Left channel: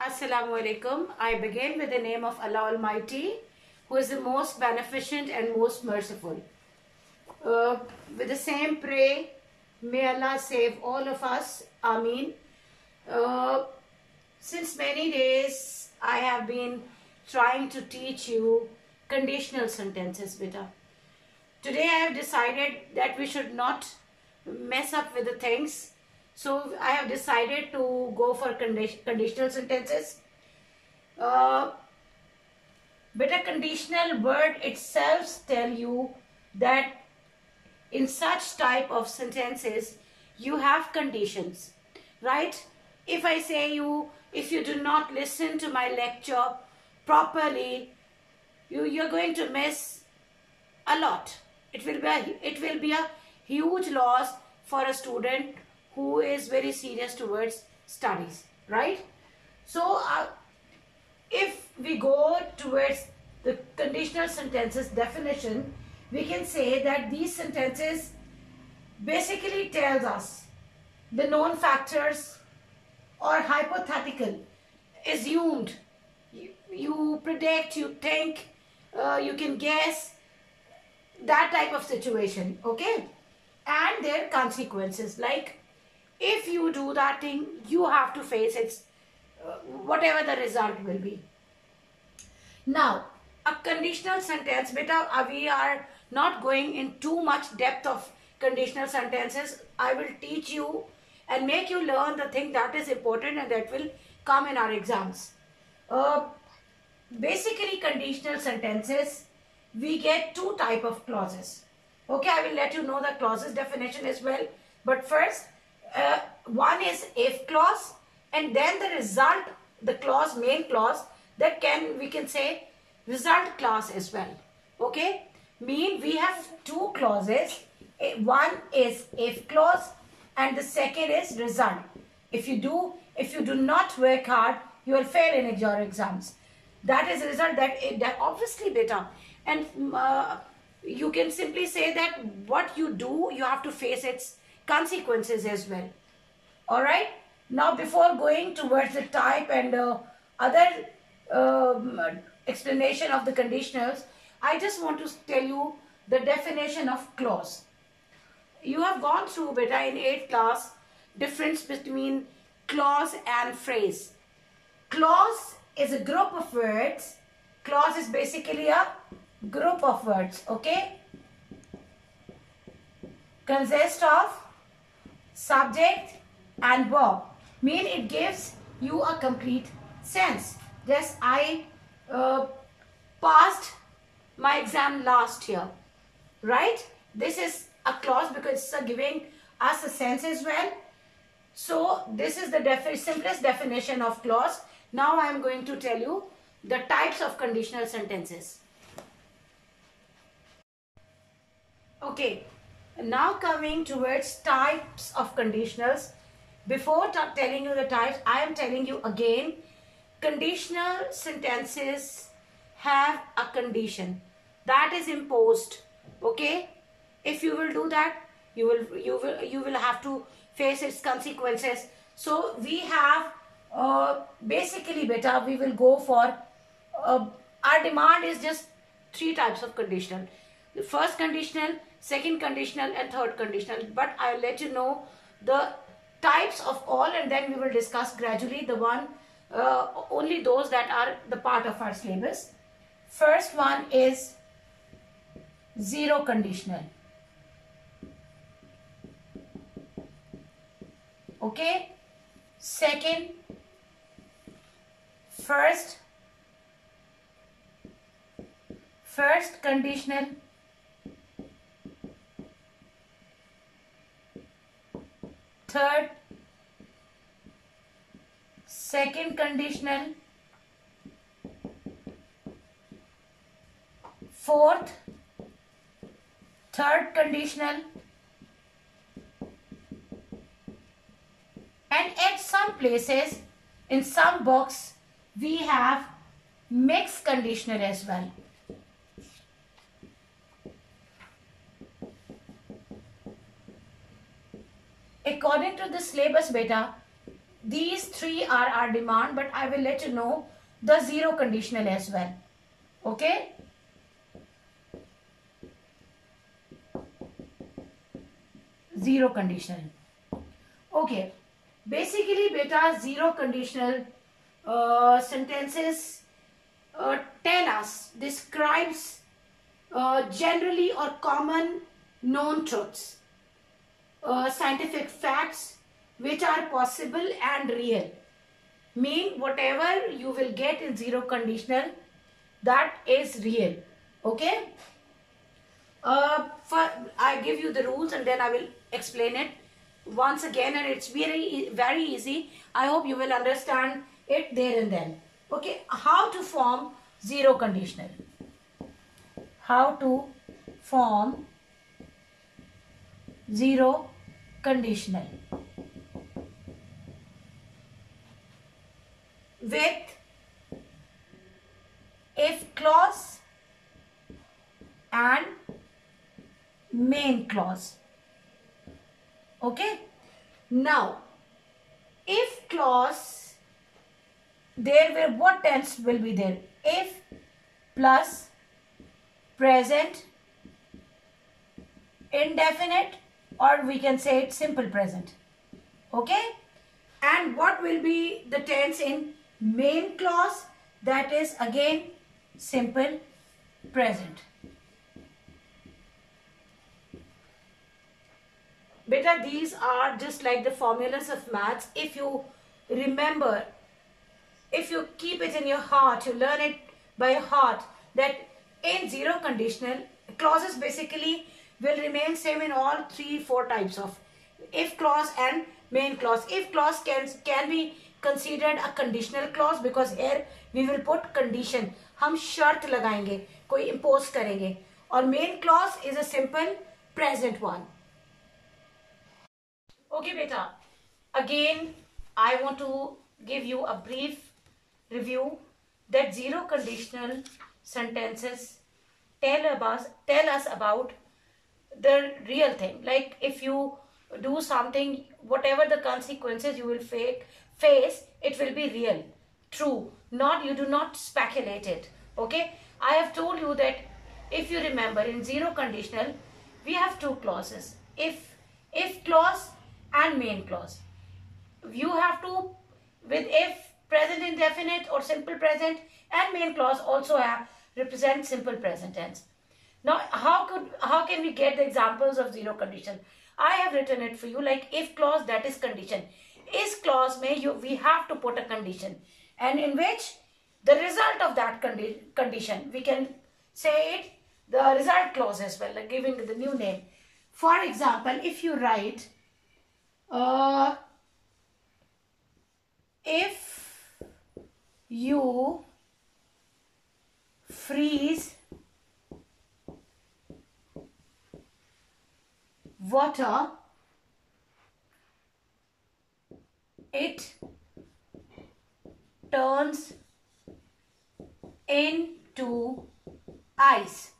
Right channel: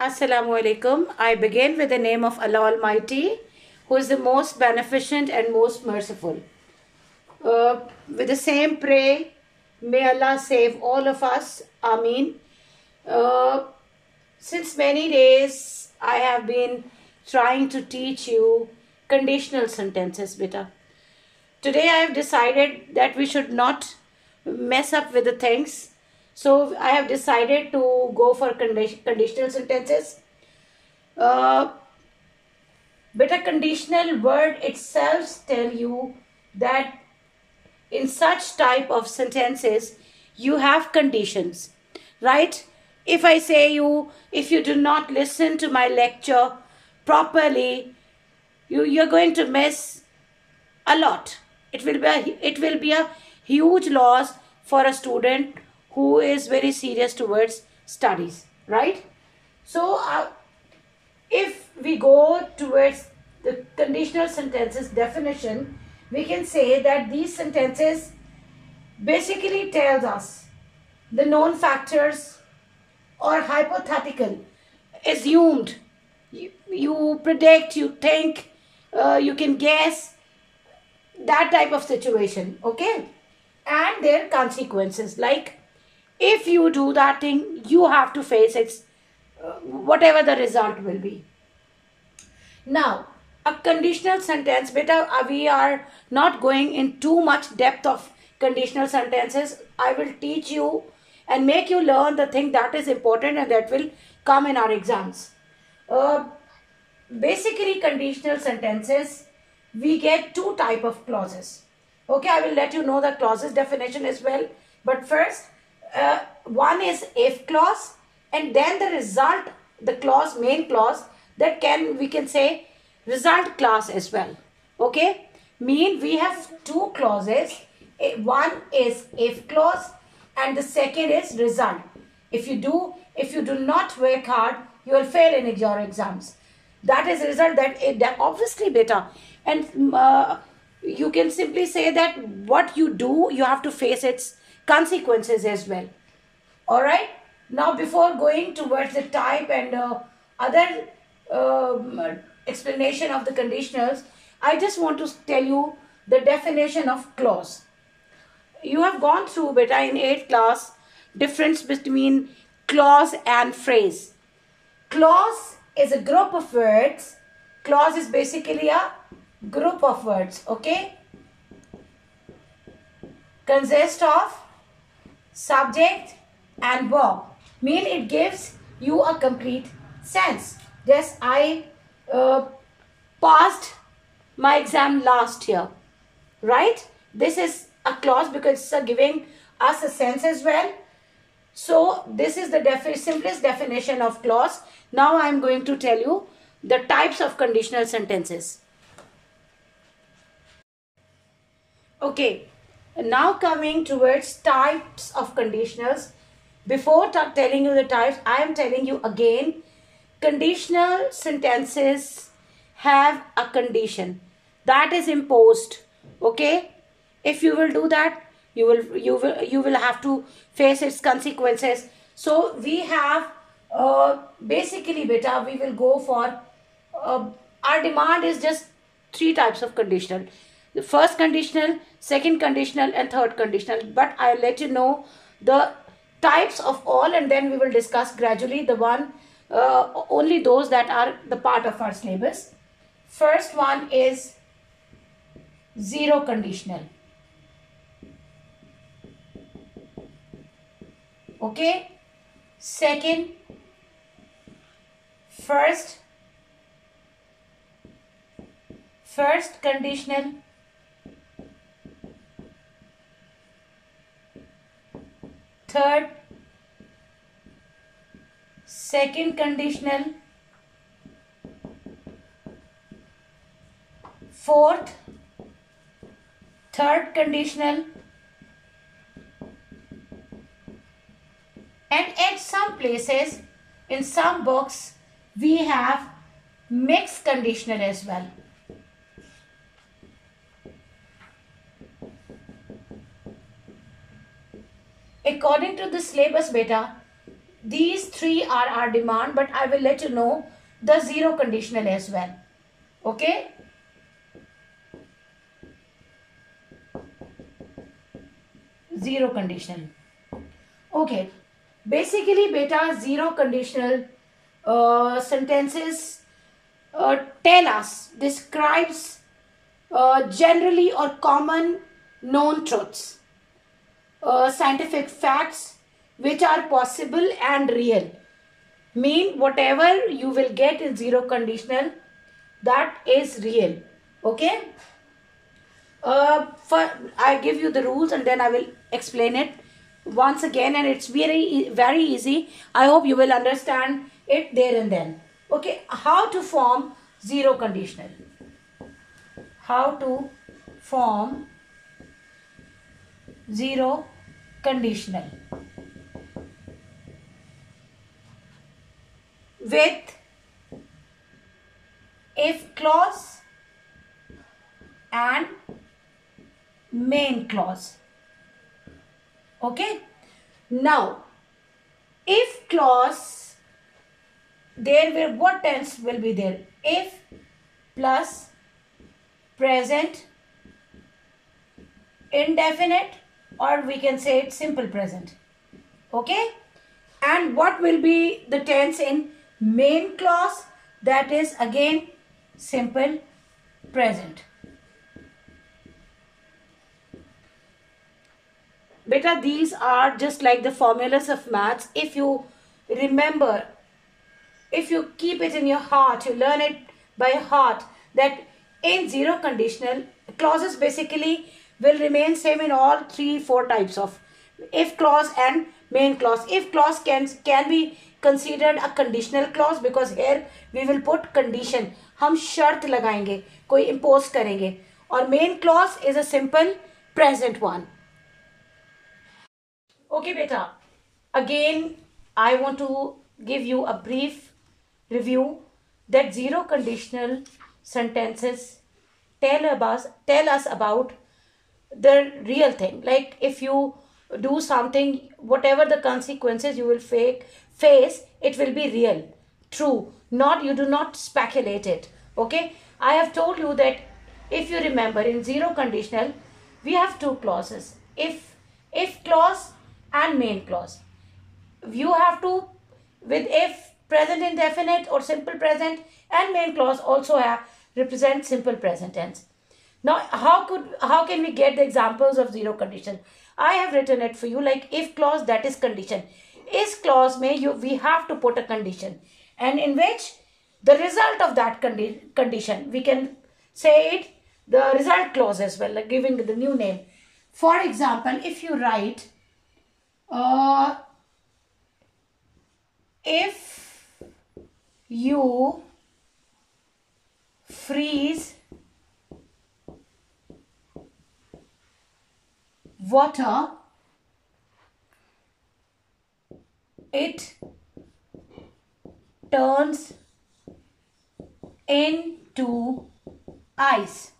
Assalamu alaikum. I begin with the name of Allah Almighty, who is the most beneficent and most merciful. With the same pray, may Allah save all of us. Ameen. Since many days, I have been trying to teach you conditional sentences, beta. Today, I have decided that we should not mess up with the things. So, I have decided to go for conditional sentences. Beta, conditional word itself tell you that in such type of sentences, you have conditions, right? If I say if you do not listen to my lecture properly, you're going to miss a lot. It will be a huge loss for a student who is very serious towards studies, right? So, if we go towards the conditional sentences definition, we can say that these sentences basically tells us the known factors or hypothetical, assumed, you predict, you think, you can guess, that type of situation, okay? And their consequences, like if you do that thing, you have to face it, whatever the result will be. Now, a conditional sentence, beta, we are not going in too much depth of conditional sentences. I will teach you and make you learn the thing that is important and that will come in our exams. Basically, conditional sentences, we get two type of clauses. Okay, I will let you know the clauses definition as well. But first, one is if clause, and then the result, the clause, main clause, that we can say result clause as well. Okay, we have two clauses. One is if clause and the second is result. If you do not work hard, you will fail in your exams. That is the result. That obviously, beta. And you can simply say that what you do, you have to face its consequences as well. All right. Now, before going towards the type and other explanation of the conditionals, I just want to tell you the definition of clause. You have gone through, beta, in 8th class, difference between clause and phrase. Clause is a group of words. Clause is basically a group of words, okay? Consist of subject and verb. It gives you a complete sense. Yes, I passed my exam last year, right? This is a clause because it's giving us a sense as well. So this is the simplest definition of clause. Now I am going to tell you the types of conditional sentences. Okay, now coming towards types of conditionals. Before telling you the types, I am telling you again, conditional sentences have a condition that is imposed. Okay, if you will do that, you will have to face its consequences. So we have basically, beta, we will go for our demand is just three types of conditional. The first conditional, second conditional, and third conditional. But I'll let you know the types of all, and then we will discuss gradually the one, only those that are the part of our syllabus. First one is zero conditional. Okay. Second, first conditional. Third, second conditional. Fourth, third conditional. And at some places, in some books, we have mixed conditional as well. According to the syllabus, beta, these three are our demand, but I will let you know the zero conditional as well. Okay. Zero conditional. Okay. Basically, beta, zero conditional sentences tell us, describes generally or common known truths, scientific facts which are possible and real. Mean whatever you will get in zero conditional, that is real. Okay. I give you the rules and then I will explain it once again, and it's very easy. I hope you will understand it there and then. Okay, how to form zero conditional? How to form zero conditional? With if clause and main clause. Okay. Now, if clause, there will, what tense will be there? If plus present indefinite, or we can say it simple present. Okay. And what will be the tense in main clause? That is again simple present. Beta, these are just like the formulas of maths. If you remember, if you keep it in your heart, you learn it by heart, that in zero conditional, clauses basically will remain same in all 3-4 types of if clause and main clause. If clause can be considered a conditional clause, because here we will put condition. हम शर्त लगाएंगे, कोई impose करेंगे. और main clause is a simple present one. Okay, beta. Again, I want to give you a brief review that zero conditional sentences tell us about the real thing. Like if you do something, whatever the consequences you will face, it will be real, true. Not, you do not speculate it. Okay. I have told you that if you remember, in zero conditional, we have two clauses. If clause and main clause. You have to, with if, present indefinite or simple present, and main clause also represent simple present tense. Now, how can we get the examples of zero condition? I have written it for you, like if clause, that is condition. Is clause we have to put a condition, and in which the result of that condition, we can say it the result clause as well, like giving the new name. For example, if you write if you freeze water, it turns into ice.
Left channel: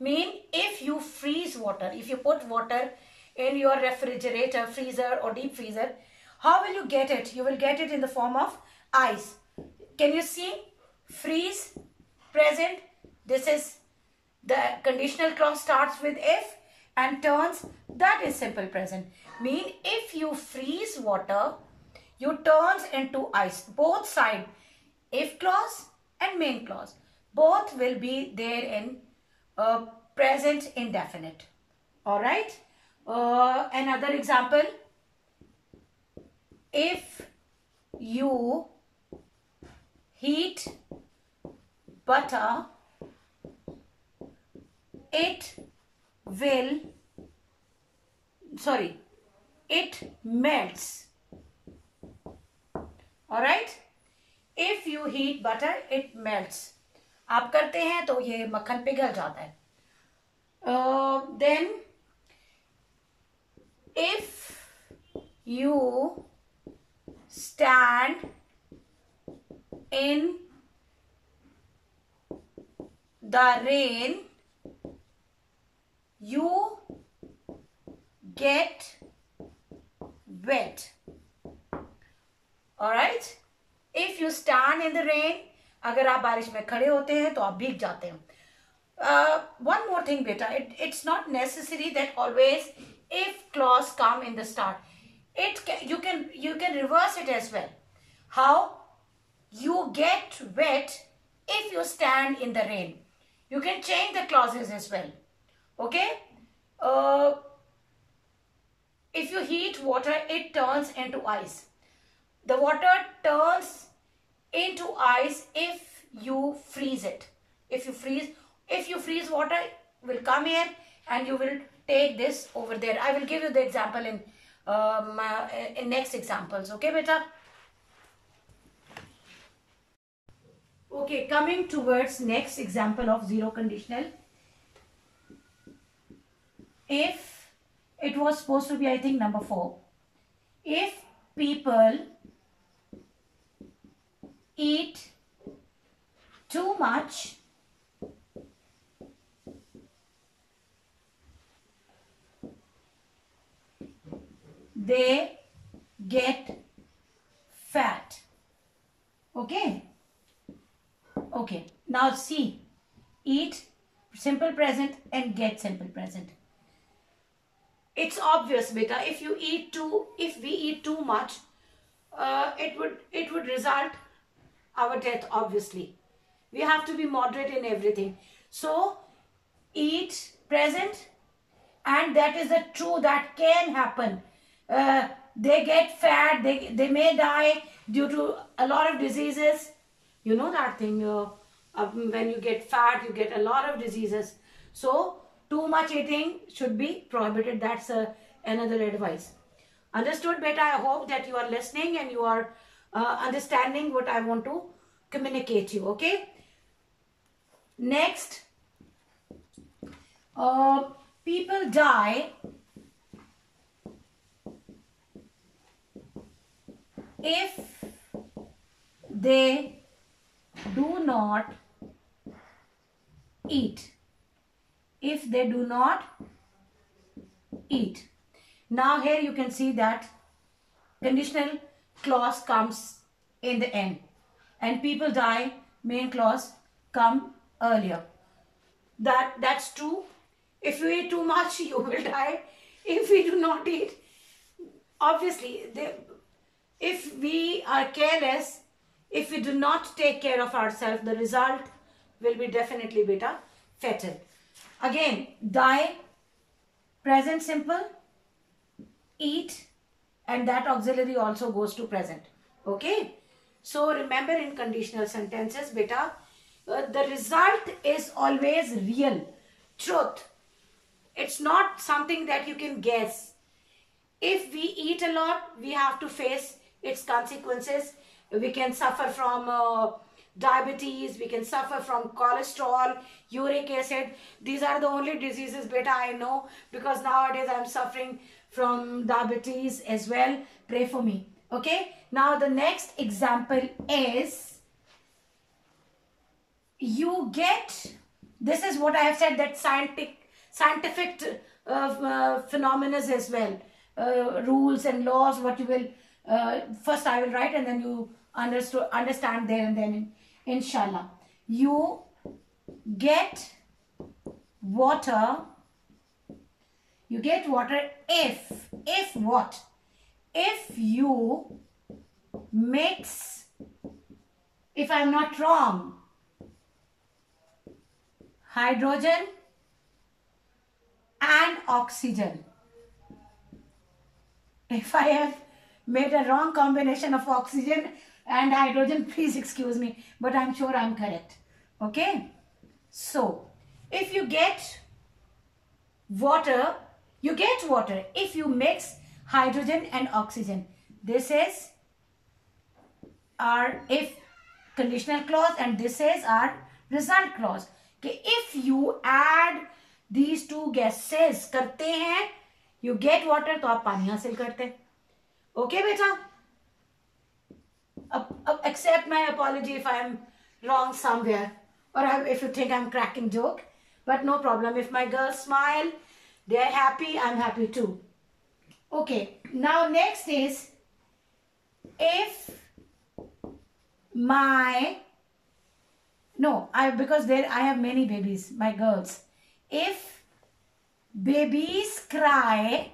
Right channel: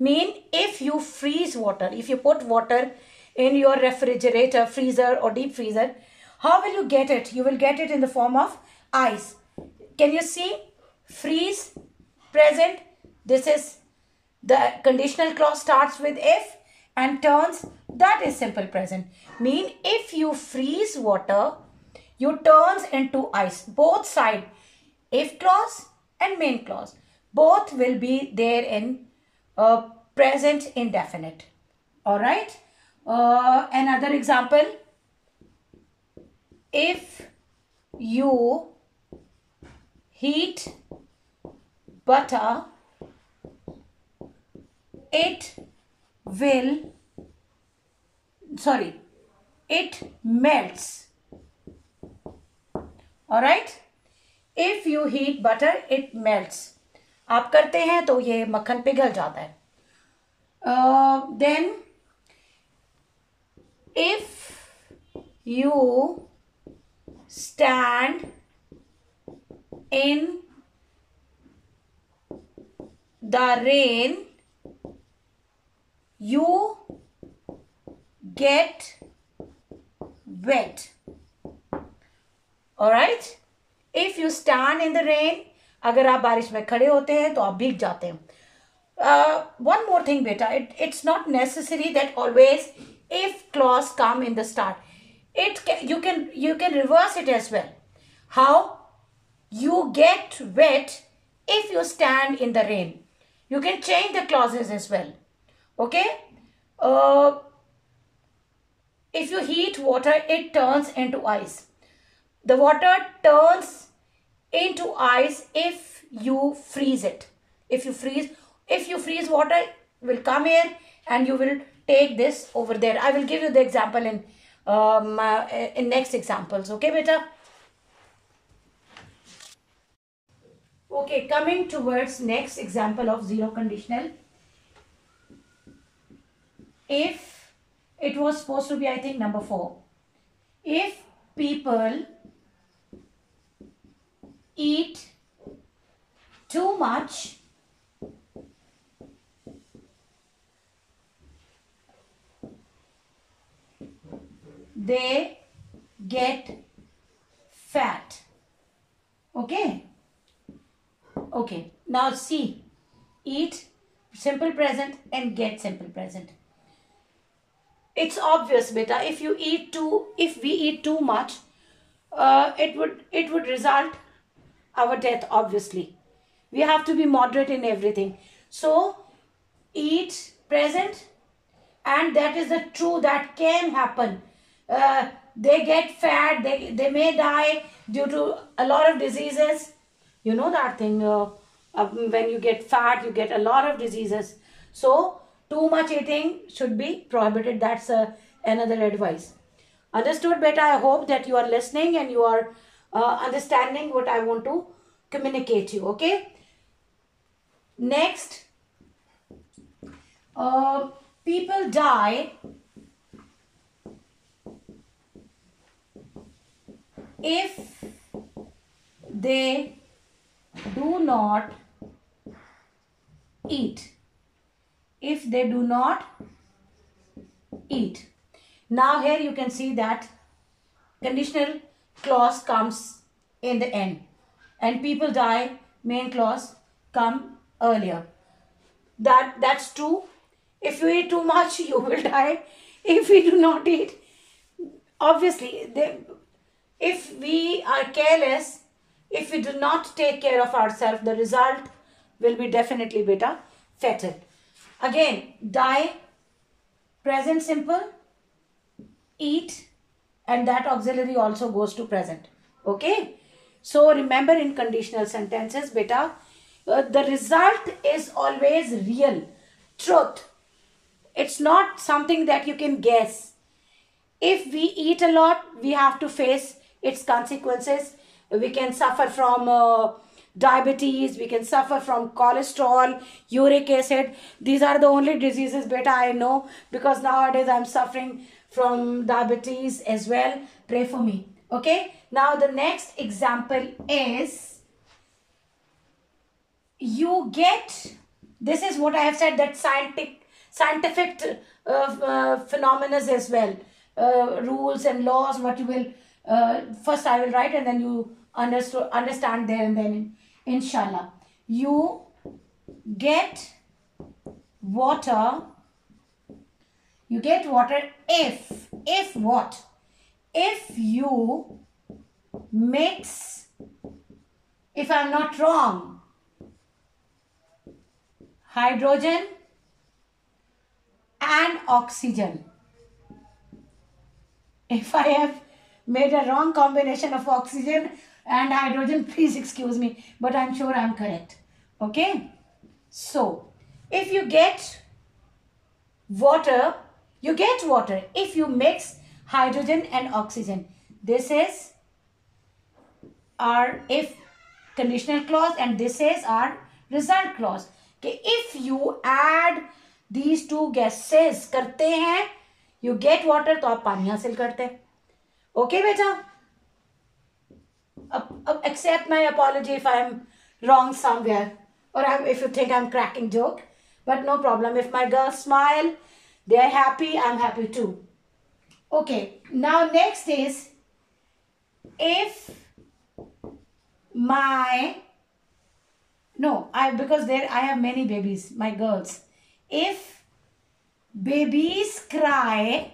Mean if you freeze water, if you put water in your refrigerator, freezer or deep freezer, how will you get it? You will get it in the form of ice. Can you see? Freeze, present. This is the conditional clause, starts with if, and turns, that is simple present. Mean if you freeze water, you turns into ice. Both side, if clause and main clause, both will be there in present indefinite. All right. Another example, if you heat butter, it melts. All right. If you heat butter, it melts. आप करते हैं तो ये मक्खन पिघल जाता है. Then if you stand in the rain, you get wet. Alright? If you stand in the rain, अगर आप बारिश में खड़े होते हैं तो आप भीग जाते हैं. One more thing, beta. It's not necessary that always if clause come in the start. You can reverse it as well. How? You get wet if you stand in the rain. You can change the clauses as well. Okay? If you heat water, it turns into ice. The water turns into ice if you freeze it. If you freeze water, will come here and you will take this over there. I will give you the example in next examples. Okay, beta? Okay, coming towards next example of zero conditional. If it was supposed to be, I think, number 4. If people eat too much, they get fat. Okay? Okay. Now see. Eat, simple present, and get, simple present. It's obvious, beta. If we eat too much, it would result our death, obviously. We have to be moderate in everything. So, eat, present, and that is the true, that can happen. They get fat, they may die due to a lot of diseases. You know that thing, when you get fat, you get a lot of diseases. So, too much eating should be prohibited. That's another advice. Understood, beta? I hope that you are listening and you are understanding what I want to communicate you. Okay? Next, people die if they do not eat. If they do not eat. Now here you can see that conditional clause comes in the end. And people die, main clause come earlier. That's true. If you eat too much, you will die. If we do not eat, obviously, if we are careless, if we do not take care of ourselves, the result will be definitely beta fatal. Again, die, present simple, eat, and that auxiliary also goes to present. Okay? So, remember in conditional sentences, beta, the result is always real, truth. It's not something that you can guess. If we eat a lot, we have to face its consequences. We can suffer from diabetes, we can suffer from cholesterol, uric acid. These are the only diseases, beta, I know, because nowadays I'm suffering from diabetes as well. Pray for me. Okay? Now the next example is, you get, this is what I have said, that scientific phenomena as well. Rules and laws, what you will, first I will write and then you understand there and then inshallah. You get water if what? If you mix, if I'm not wrong, hydrogen and oxygen. If I have made a wrong combination of oxygen and hydrogen, please excuse me, but I'm sure I'm correct. Okay? So, if you get water if you mix hydrogen and oxygen. This is our if conditional clause and this is our result clause. Okay, if you add these two gases करते हैं, you get water, तो आप पानी हासिल करते हैं. Okay, बेटा? Accept my apology if I am wrong somewhere, or if you think I'm cracking joke, but no problem. If my girls smile, they are happy, I'm happy too. Okay, now next is, if because there I have many babies, my girls. If babies cry,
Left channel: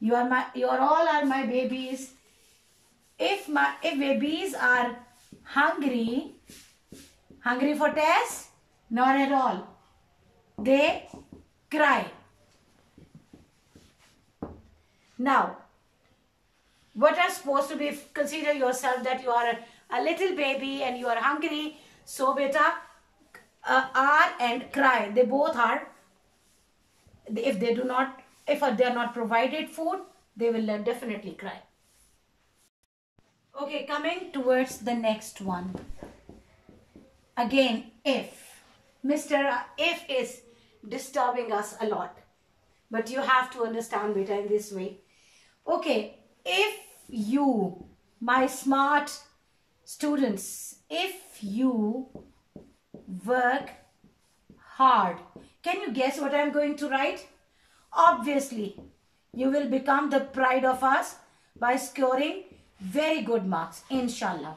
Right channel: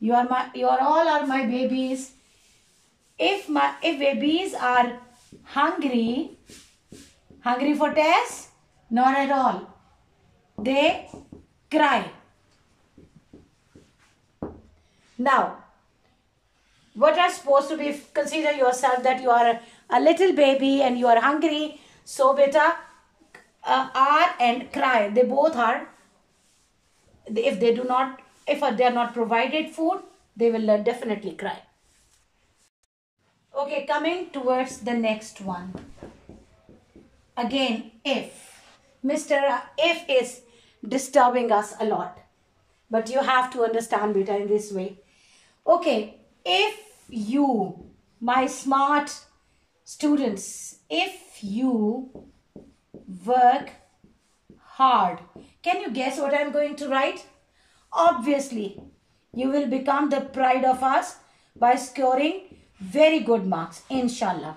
you all are my babies. If babies are hungry for Tess, not at all. They cry. Now, what are supposed to be, consider yourself that you are a little baby and you are hungry. So beta, are and cry, they both are. If they are not provided food, they will definitely cry. Okay, coming towards the next one. Again, if. Mr. If is disturbing us a lot. But you have to understand beta in this way. Okay, if you, my smart students, if you work hard, can you guess what I'm going to write? Obviously, you will become the pride of us by scoring very good marks, inshallah.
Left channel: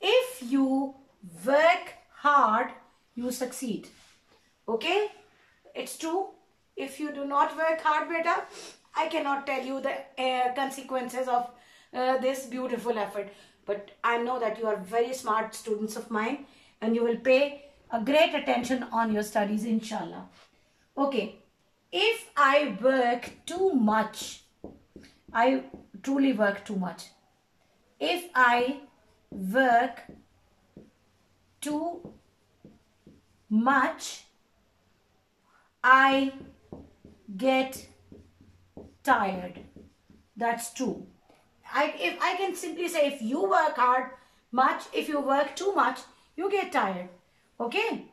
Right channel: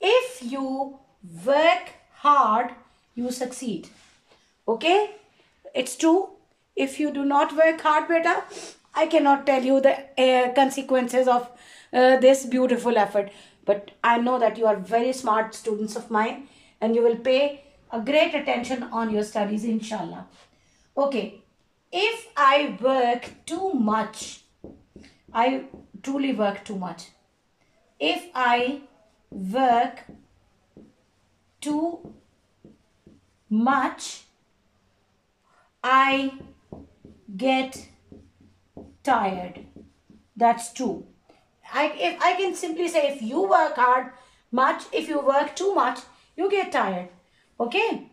If you work hard, you succeed. Okay? It's true. If you do not work hard, beta, I cannot tell you the consequences of this beautiful effort. But I know that you are very smart students of mine and you will pay a great attention on your studies, inshallah. Okay. If I work too much, I truly work too much. If I work too much, I get tired. That's true. If I can simply say, if you work hard much, if you work too much, you get tired. Okay?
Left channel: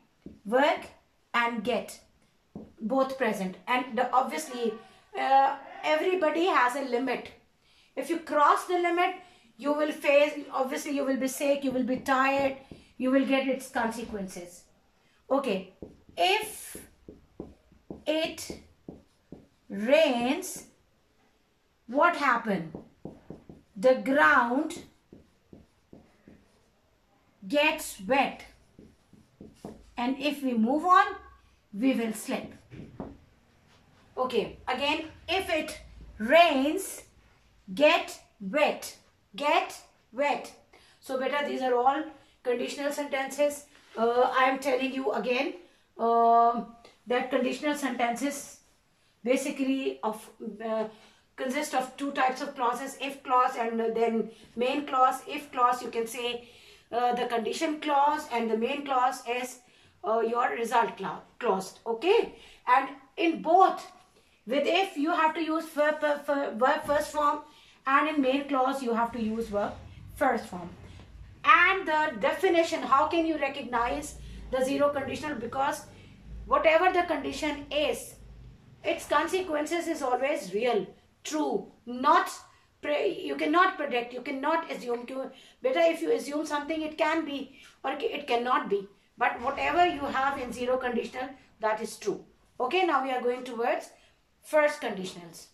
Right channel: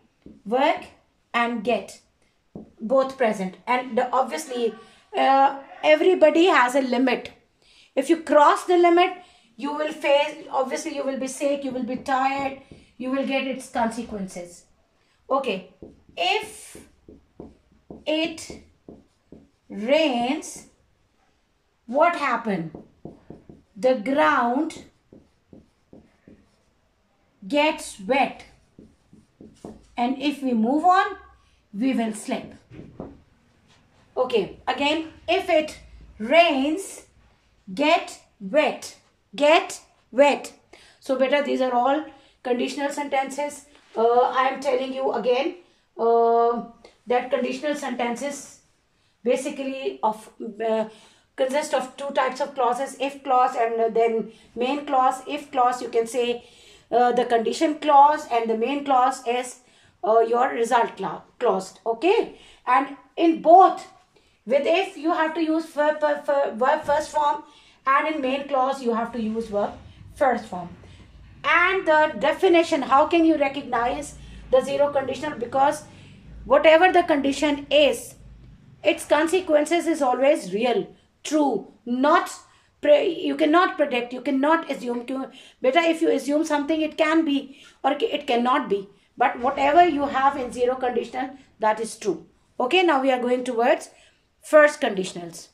Work and get, both present. And obviously, everybody has a limit. If you cross the limit, you will face, obviously you will be sick, you will be tired, you will get its consequences. Okay. If it rains, what happened? The ground gets wet. And if we move on, we will slip. Okay, again, if it rains, get wet. Get wet. So beta, these are all conditional sentences. I am telling you again that conditional sentences basically consist of two types of clauses, if clause and then main clause. If clause, you can say the condition clause, and the main clause is your result clause. Okay, and in both, with if you have to use verb first form, and in main clause you have to use verb first form. And the definition, how can you recognize the zero conditional? Because whatever the condition is, its consequences is always real, true, not you cannot predict, you cannot assume. Better if you assume something, it can be or it cannot be. But whatever you have in zero conditional, that is true. Okay, now we are going towards first conditionals.